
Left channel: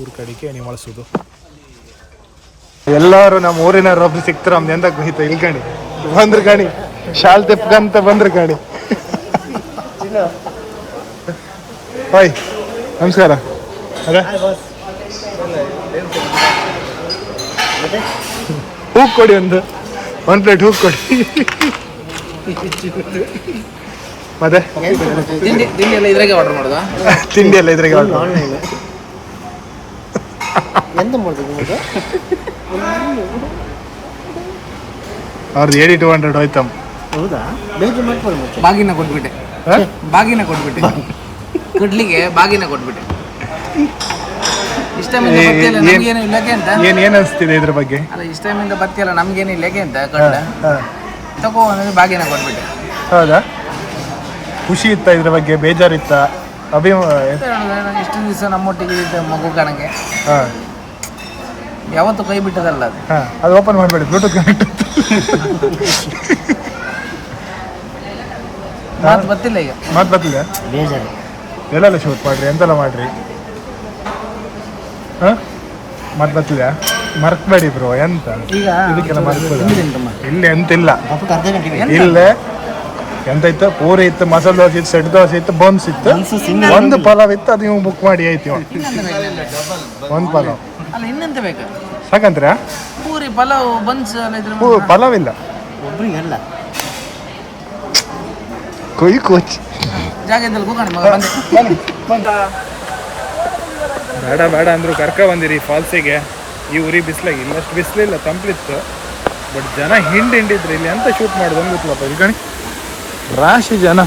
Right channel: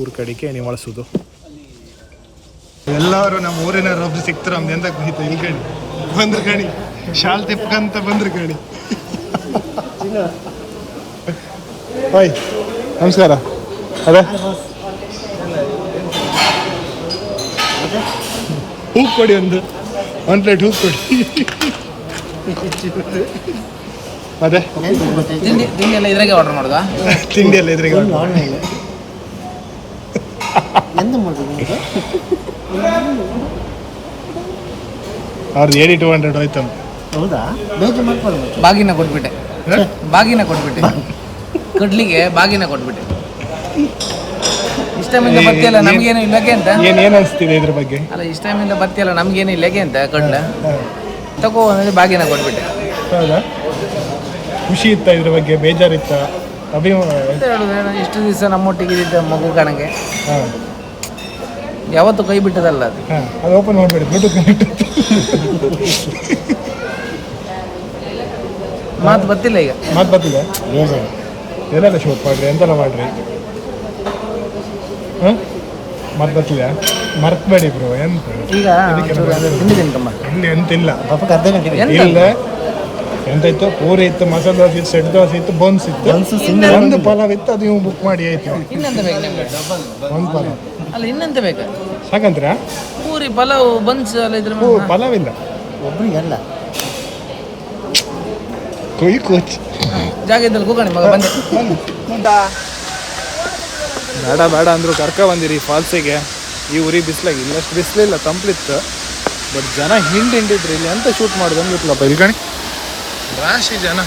ಊರ ಕಡೆಗೆ ನೀವು ಬಳಸೋದು. ಎಲ್ಲರೂ ನಮ್ಮ ಊರಿನವ್ರು ಒಬ್ರು ಸಿಕ್ತಾರೆ, ನಮ್ದು ಎಂತ ಗೊತ್ತಿತ್ತು ಇಲ್ಲಿ ಕಾಣಿ ಬಂದ್ರು ಕಾಣಿ ಶಾಲ್ ತೆಪ್ಕಂತ ಬಂದ್ರು ಕಾಣಿ. ಹಾಯ್ ನಮಸ್ಕಾರ. ಅದೇ ಹೂವು ಕೊಡಿ, ಒಂದು ಪ್ಲೇಟ್ ಹೂವು ಕೊಡಿ. ಮತ್ತೆ ತಿಂಡಿ ಎಲ್ಲ ಇದ್ರಾಗೆ ಆರ್ಡರ್ ಮಾಡೋದಾ? ತಿಂಡಿ ಎಲ್ಲ ಇದ್ರಾಗೆ ಎಂತ ಮಾಡೋದು ಅವ್ರದ್ದು 8200 ಹೋಯ್ತಮ್ಮ. ಹೌದಾ? ಬೇಜಾರು ಮಾಡ್ಕೊಳ್ಳಿ. ಬಾಗಿನ ಕೊಟ್ಬಿಟ್ಟೆ, ಕೊಡ್ಲಿಕ್ಕೆ ಬಾಗಿನ ಕೊಟ್ಬಿಟ್ಟೆ. ಇಷ್ಟ ಟೈಮಿಂದ ಬರ್ತಿಯಲ್ಲ ನಮ್ಗೇನು ಇಲ್ಲಗೆ ಅಂತ. ಏನ್ ಅನಿಸ್ತಿದೆ ಇದ್ರ ಬಗ್ಗೆ? ಅಲ್ಲ ಇಷ್ಟ ಟೈಮಿಂದ ಬರ್ತಿಯಲ್ಲ ನಮ್ಗೇನು ಇಲ್ಲಗೆ ಅಂತ ಕೊಡ್ಲ ತಗೋ ಅಂದ್ರೆ ಬಾಗಿನ ಕೊಟ್ಬಿಟ್ಟೆ. ಹೌದಾ? ಖುಷಿ ಇತ್ತ ಇದ್ರ ಬಗ್ಗೆ? ಬೇಜಾರಿತ್ತ? ಇಷ್ಟು ದಿವಸ ನಮ್ಮೊಟ್ಟಿಗೆ ಇದ್ದ ಮಗು ಕಣಕ್ಕೆ ಯಾವತ್ತು ಕೈ ಬಿಟ್ಟದಲ್ಲ ಅದು. ಅದು ಓಪನ್ ಮಾಡಬೇಡಿ, ಬ್ಲೂಟೂತ್ ಕನೆಕ್ಟ್. ಮಾತು ಗೊತ್ತಿಲ್ಲ ಈಗ. ಮಾತು ಬರ್ತಿದೆ? ಎಲ್ಲೆಲ್ಲ ಶೂಟ್ ಮಾಡ್ರಿ, ಎಂತೆಲ್ಲ ಮಾಡ್ರಿ? ಮಾತು ಬರ್ತಿದೆ? ಮರ್ತ್ಬೇಡಿ ಬ್ರೋ. ಎಂತ ಈಗ ಇಲ್ಲಿ ಎಂತಿಲ್ಲ, ಇಲ್ಲೇ ಎಂತ ಇತ್ತು? ಪೂರಿ ಇತ್ತು, ಮಸಾಲೆ ದೋಸೆ ಇತ್ತು, ಸೆಟ್ ದೋಸೆ ಇತ್ತು, ಬನ್ಸ್ ಇತ್ತು, ಒಂದು ಪಲಾವ್ ಇತ್ತು. ಅದು ನೀವು ಬುಕ್ ಮಾಡಿ ಆಯ್ತು. ಇನ್ನೆಂತ ಬೇಕು ನಿಮ್ಗೆ? ಒಂದು ಪಲಾವ್ ಅಲ್ಲ ಇನ್ನೆಂತ ಬೇಕು? ಸಾಕಂತ್ರ ಪೂರಿ ಪಲಾವ್ ಬನ್ಸ್ ಎಲ್ಲ ಇದ್ರೆ ಪಲಾವ್ ಇಲ್ಲ ಒಬ್ರಿಗೆಲ್ಲ ಕೊಯ್ ಕೋಚ್ ಜಾಗ ಇದ್ದಲ್ಲಿ ಕೂಗಾಣಿ ಮಗ ಬಂದೆ. ಬೇಡ ಬೇಡ ಅಂದ್ರು ಕರ್ಕ ಬಂದಿರಿ ಫಾಲ್ಸಿಗೆ. ಈ ಊರಿ ಬಿಸಿಲಾಗಿ ಇಲ್ಲಷ್ಟು ಬಿಸಿಲಿಲ್ಲ, ತಂಪ್ಲಿತ್ತು. ಬಟ್ ಜನ ಹಿಂಡಿದ್ರು. ಇಲ್ಲಿ ಅಂತ ಶೂಟ್ ಮಾಡೋದು ಅಂತ ಗೊತ್ತಿಲ್ಲಪ್ಪ. ಇಲ್ಲಿ ಕಣಿ ರಾಶಿ ಜನ.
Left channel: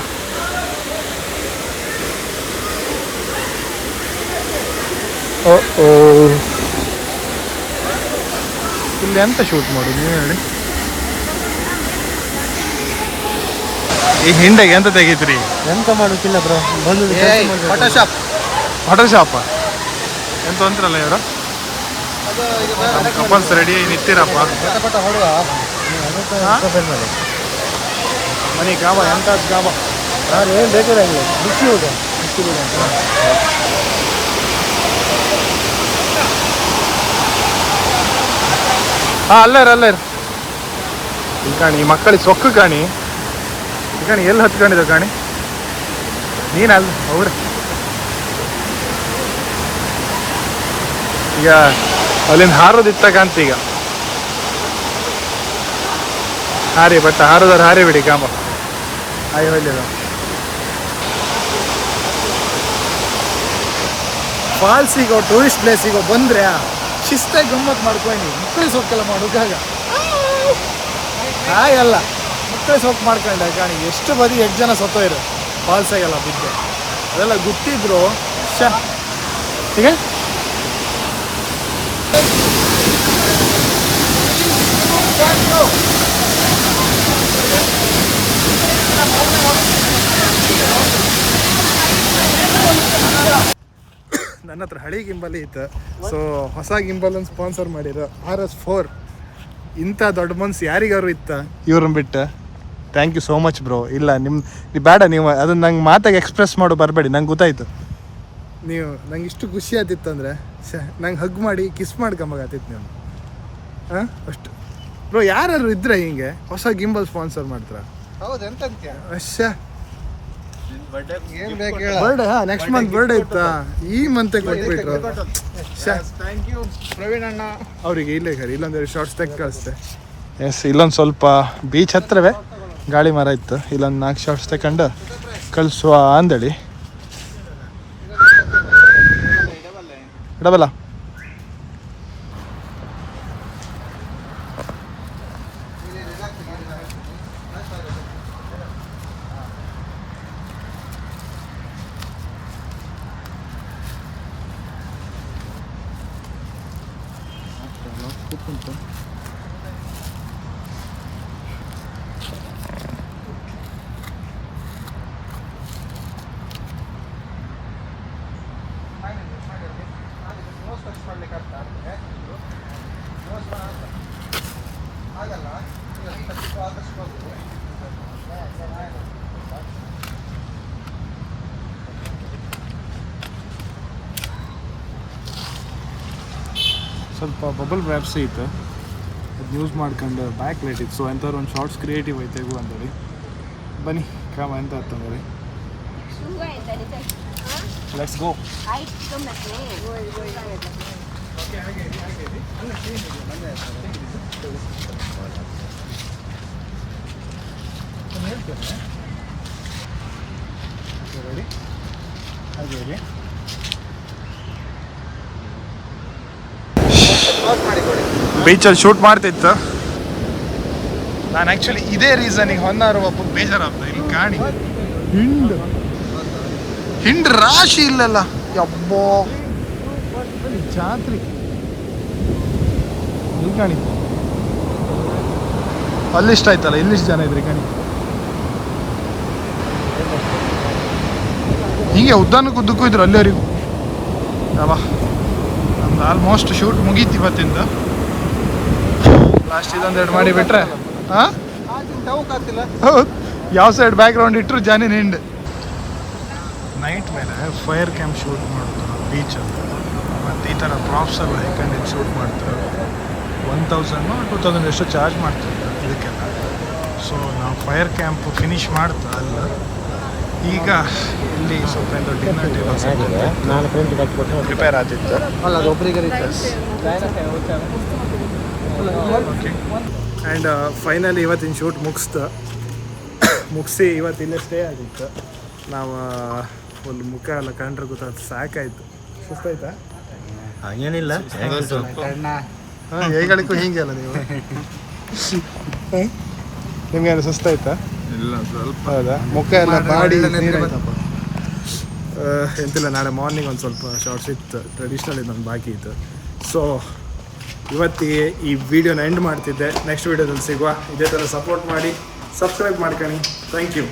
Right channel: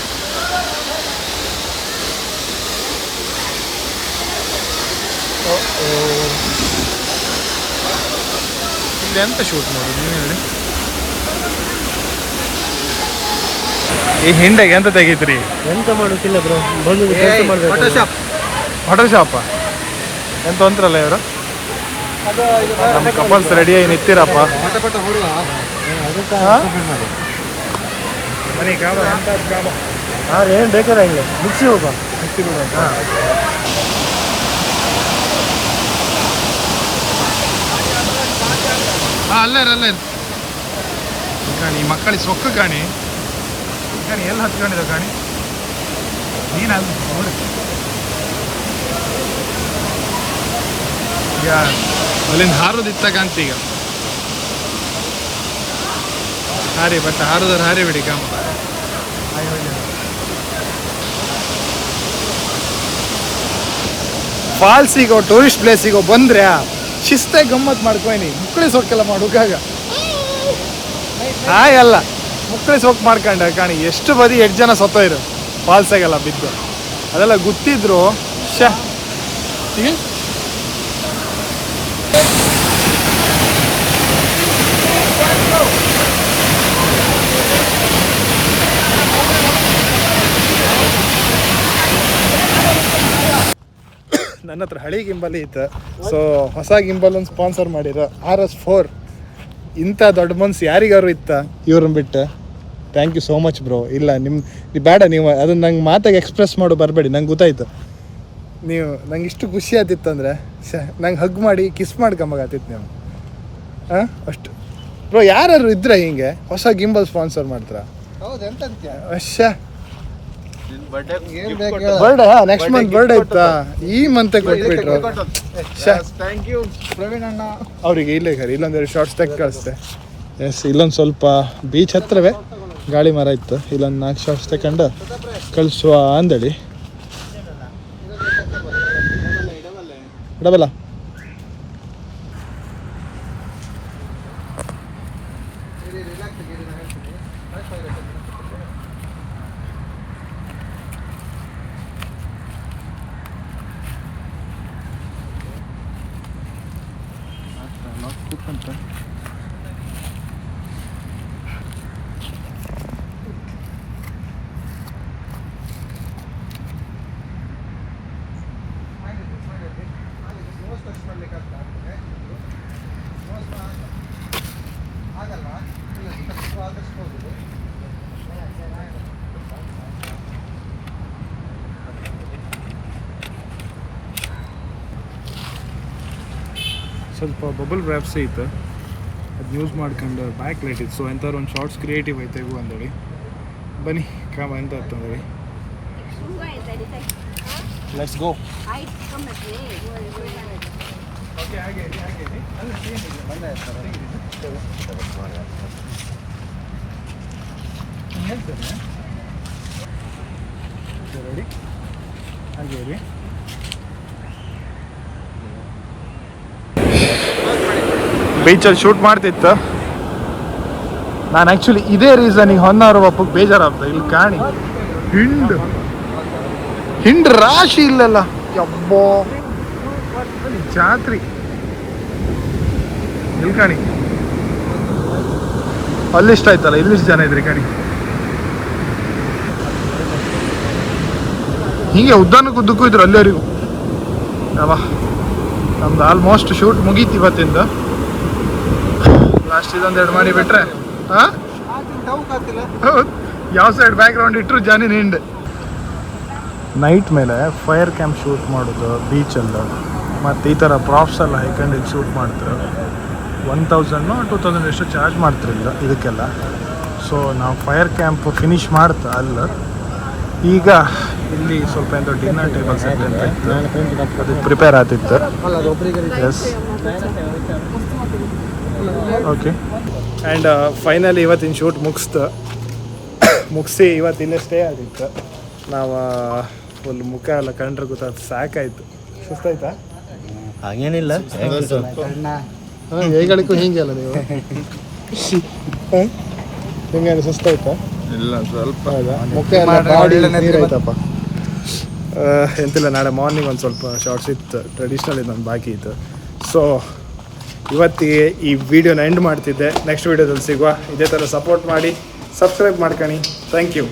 ಓ ಇಲ್ಲಿ ಎಂತ ಶೂಟ್ ಮಾಡೋದು ನೀವು ಹೇಳಿ? ಈ ಹಿಂಡೆಗೆ ಎಂತ ತೆಗೀತ್ರಿ? ಎಂತ ಮಾಡೋಕ್ಕಿಲ್ಲ ಬ್ರೋ, ಬಂದು ಕೆಲಸ ಮಾಡ್ಬೇಕು. ಹೋಟೆಲ್ ಶಾಪ ಎಂತ ಅಂತಾರಲ್ಲ ಇವರು? ನಮ್ಮ ಕಪಲ್ಸ್ ರೆಡಿಯಾಗಿ ನಿಂತಿರಪ್ಪ. ಮನೆ ಗಾಮ ಎಂತ ಗಾಮ ಏನು ಬೇಕಾದ್ರೆ ಇಲ್ಲ, ಮಿಕ್ಸಿ ಹೋಗೋಣ, ಮಿಕ್ಸಿ ಬಿಡು ಅಂತ. ಅಲ್ಲೇ ಈ ಕಾಣಿ ಈ ಮಕ್ಕಳಿಗೆ ಸೊಕ್ಕು ಕಾಣಿ. ಈ ಕಾಣಿ ಎಲ್ಲಿ ಹತ್ಕೊಂಡಿದ್ರು ಕಾಣಿ? ನೀನಲ್ಲ ಅವ್ರೆ. ಈಗ ಅಲ್ಲಿಂದ ಹಾರೋದಿತ್ತಕಂತ ಈಗ ಹಾರಿ ಬಟ್ ಹಾರಿ ಬಿಡಿ ಕಾಮ. ಫಾಲ್ಸಿಗೋ ಟೂರಿಸ್ಟ್ ಪ್ಲೇಸಿಗೋ ಬಂದ್ರೆ ಶಿಸ್ತಾಗಿ ಗಮ್ಮತ್ ಮಾಡ್ಕೊಯ್ನಿ. ಮಕ್ಕಳೇ ಸೊಕ್ಕೆಲ್ಲ ಮಾಡೋಕಾಗ ಅಲ್ಲ ಮಕ್ಕಳೇ ಸೊಕ್ಕು ಮಾಡ್ಕೊಂಡ ಕಾಣಿ. ಎಷ್ಟು ಬದಿ 8 ಜನ ಸತ್ತೋಯ್ರು ಫಾಲ್ಸಾಗೆಲ್ಲ ಬಿದ್ದು. ಅದೆಲ್ಲ ಗೊತ್ತಿದ್ರು ಈಗ ನನ್ನ ಹತ್ರ ಹಳಿ ಗಿಂಬಲ್ ಇತ್ತು. ಸೊ ಹೊಸ ಗಿಂಬಲನ್ನು ಸ್ಪಾನ್ಸರ್ ಮಾಡಿರೋ RS4. ಇಂಥ ದೊಡ್ಡ ಮನ್ಸು ಯಾರಿಗಾರು ಇತ್ತ ಇವ್ರನ್ನ ಬಿಟ್ಟು? Thank you so much bro. ಇಲ್ಲ ನೀವು ಬೇಡ, ನೀವು ಅದನ್ನ ನಂಗೆ ಮಾತಾಗಿ ಎಕ್ಸ್ಪ್ರೆಸ್ ಮಾಡೋ ಬರಬೇಡಿ. ನಂಗೆ ಗೊತ್ತಾಯ್ತು ನೀವು ನಂಗೆ ಇಷ್ಟು ಖುಷಿ ಆತಿತ್ತು ಅಂದರೆ ನಂಗೆ ಹಗ್ ಮಾಡಿ ಕಿಸ್ ಮಾಡ್ಕೊಂಬಾಗತ್ತಿತ್ತು ನೀವು. ಅಷ್ಟು ಬ್ರೋ. ಯಾರು ಇದ್ರೆ ಹಿಂಗೆ ಹೊಸ ಗಿಂಬಲ್ ಸ್ಪಾನ್ಸರ್ ಮಾಡ್ತಾರ? ಬರ್ಡೇ ನೆಕ್ಸ್ಟ್ ಮಂತ್ ಬರ್ಡೇ ಇತ್ತಾ? ಈ ಮಂತ್ ಕೊಟ್ಬಿಟ್ರು. ಅವ್ರಿಗೆ ಇಲ್ಲೇ ಇಲ್ಲೊಂದೆರಡು ಶಾರ್ಟ್ಸ್ ತೆಗೆ ಕಳಿಸ್ತೆ. ಎಸ್, ಇಲ್ಲೊಂದು ಸ್ವಲ್ಪ ಬೀಚ್ ಹತ್ರವೇ ಗಾಳಿ ಮರ ಇತ್ತು. ಇಲ್ಲೊಂದು 4 ಶಾರ್ಟ್ಸ್ ತಗೊಂಡು ಕಳಿಸುವ ಅಂದೇಳಿ. ಡಬಲ್ಲ ಸ್ವಲ್ಪ ಬಬಲ್ ವ್ಯಾಪ್ಸ್ ಇತ್ತು, ಅದು ಯೂಸ್ ಮಾಡ್ಕೊಂಡು ಬ್ಯಾಕ್ ಲೈಟ್ ಇತ್ತು. ಸೊ ಎಂಥವ್ರು ಒಂದು ಶಾರ್ಟ್ಸ್ ಕ್ರಿಯೇಟಿವ್ ಐತೆಗು ಅಂದೇಳಿ ಬನ್ನಿ ಕಾಮ ಎಂತ ಅಂತಂದೇಳಿ ಲೆಟ್ಸ್ ಗೋ. ಓಕೆ ಹಾಗೆ ಹೇಳ್ತೇನೆ. ರೆಡಿ ಹಾಗೆ ರೀ. ಬೀಚಲ್ಲಿ ಶೂಟ್ ಮಾಡ್ತಿತ್ತು ನಾನು. ಆ್ಯಕ್ಚುಲಿ ಇದೇ ರೀಸನಿಗೆ ಹೊನ್ನಾರು ಒಪ್ಪಕ್ಕೆ ಬೇಜಾರಾಗ್ತದೆ. ಇಲ್ಲಿ ಕಾಣಿ ಹಿಂಡ್ ರಾಶಿ ಇಲ್ಲಲ್ಲ, ಯಬ್ಬೋ ಜಾತ್ರಿ. ಇಲ್ಲಿ ಕಾಣಿ, ಅಲ್ಲಿಷ್ಟ ಆಯ್ತಲ್ಲ, ಇಲ್ಲಿಷ್ಟು ಜನ ಇದ್ರಿ ಕಾಣಿ. ಹಿಂಗೆ ಉದ್ದಾನಕ್ಕೂ ಉದ್ದಕ್ಕೂ ಇದ್ರು ಅಲ್ಲಿವರೆಗೂ. ಅವಾ ನಮ್ದು ಆಲ್ಮೋಸ್ಟ್ ಶೂಟ್ ಮುಗೀತು ಇವತ್ತಿಂದ. ಲಾಸ್ಟ್ ಇದೊಂದೆರಡು ಮಾಡಿ ಬಿಟ್ರೆ ಹಾಂ ಹೌದು, ಯಾವ ಸೈಡ್ ಬ್ಯಾಕ್ ಗ್ರೌಂಡ್ ಇಟ್ಟರು ಜಾನಿನ್ ಹಿಂಡ್. ನೈಟ್ ಮೇಲೆ ಫೈರ್ ಕ್ಯಾಂಪ್ ಶೂಟ್ ಮಾಡೋದು ಬೀಚಲ್ಲಿ, ಮತ್ತು ಈ ಥರ ಪ್ರಾಪ್ಸ್ ಎಲ್ಲ ಹೈಕಂಡು ಶೂಟ್ ಮಾಡ್ತಾರೆ. 1000 2000 ಎಷ್ಟು ಚಾರ್ಜ್ ಮಾಡ್ತಿರಲಿಲ್ಲ ಇದಕ್ಕೆಲ್ಲ. ಸೊ ನಾವು ಫೈರ್ ಕ್ಯಾಂಪ್ ಫಿನಿಶ್ ಮಾಡ್ತಾ ಅಲ್ಲ, ಈಗ ಇಲ್ಲಿ ಸ್ವಲ್ಪ ಎಂತ ಡಿನ್ನರ್ ಟೇಬಲ್ ಪ್ರಿಪೇರ್ ಆಗ್ತಿತ್ತು. Yes okay. ಆ್ಯಂಡ್ ಫೈನಲಿ ಇವತ್ತಿನ ಶೂಟ್ ಮುಗಿಸಿ ಇವತ್ತು ಇಲ್ಲೇ ಸ್ಟೇ ಆಗಿತ್ತು. ನಾವು ಫುಲ್ ಮುಖ ಎಲ್ಲ ಕಂಡ್ರೆ ಗೊತ್ತಾಯ್ತು, ಸಾಕಾಯ್ತು. ಸುಸ್ತಾಯ್ತಾ? ಹಾಗೇನಿಲ್ಲ, ಹೇಗಳಿಗೂ ಹಿಂಗೆ ಅಲ್ಲ ನೀವು ನಿಮ್ಗೆ ಸುಸ್ತಾಯ್ತಾ? ಇಲ್ಲ ಸ್ವಲ್ಪ. ಹೌದಾ? ಮುಖ ಎಲ್ಲ ಬಾಡಿ ನೀರಾಯ್ತಪ್ಪ. ಎಂತಿಲ್ಲ, ನಾಳೆ ಮಾರ್ನಿಂಗ್ ಒಂದು ಸ್ವಲ್ಪ ಶಾರ್ಟ್ಸ್ ಇತ್ತು, ಟ್ರೆಡಿಷ್ನಲ್ ಇದೊಂದು ಬಾಕಿ ಇತ್ತು. ಸೊ ಇವತ್ತಿಗೆ ಈ ವಿಡಿಯೋನ ಎಂಡ್ ಮಾಡ್ತಿದ್ದೆ. ನೆಕ್ಸ್ಟ್ ವಿಡಿಯೋದಲ್ಲಿ ಸಿಗುವ. ಇದೇ ಥರ ಸಪೋರ್ಟ್ ಮಾಡಿ, ಸಬ್ಸ್ಕ್ರೈಬ್ ಮಾಡ್ಕೊಳ್ಳಿ. Thank you.